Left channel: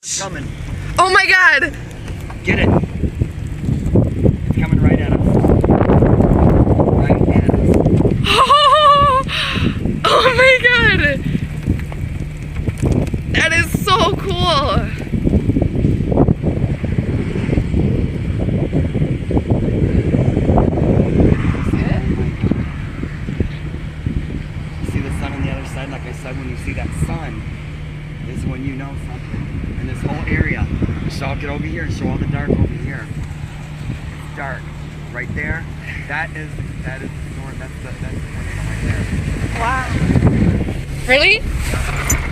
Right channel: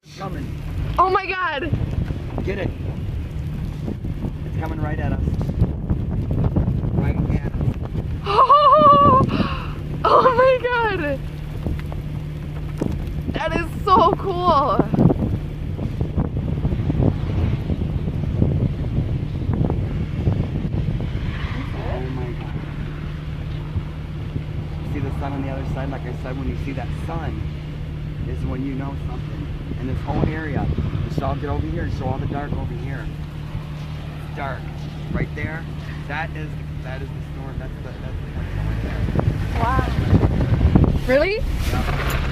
It's coming. Oh my god! Get it. It's coming right at us. Right at us. Oh my god! That is so cool! See the sun on the other side? Like I said, when you see that sun is when you know something. And this whole area, so I'll get over here and show all the dark over here. It's dark. Right there, that is the storm, that's the tornado right there. Wow. Really? Yeah.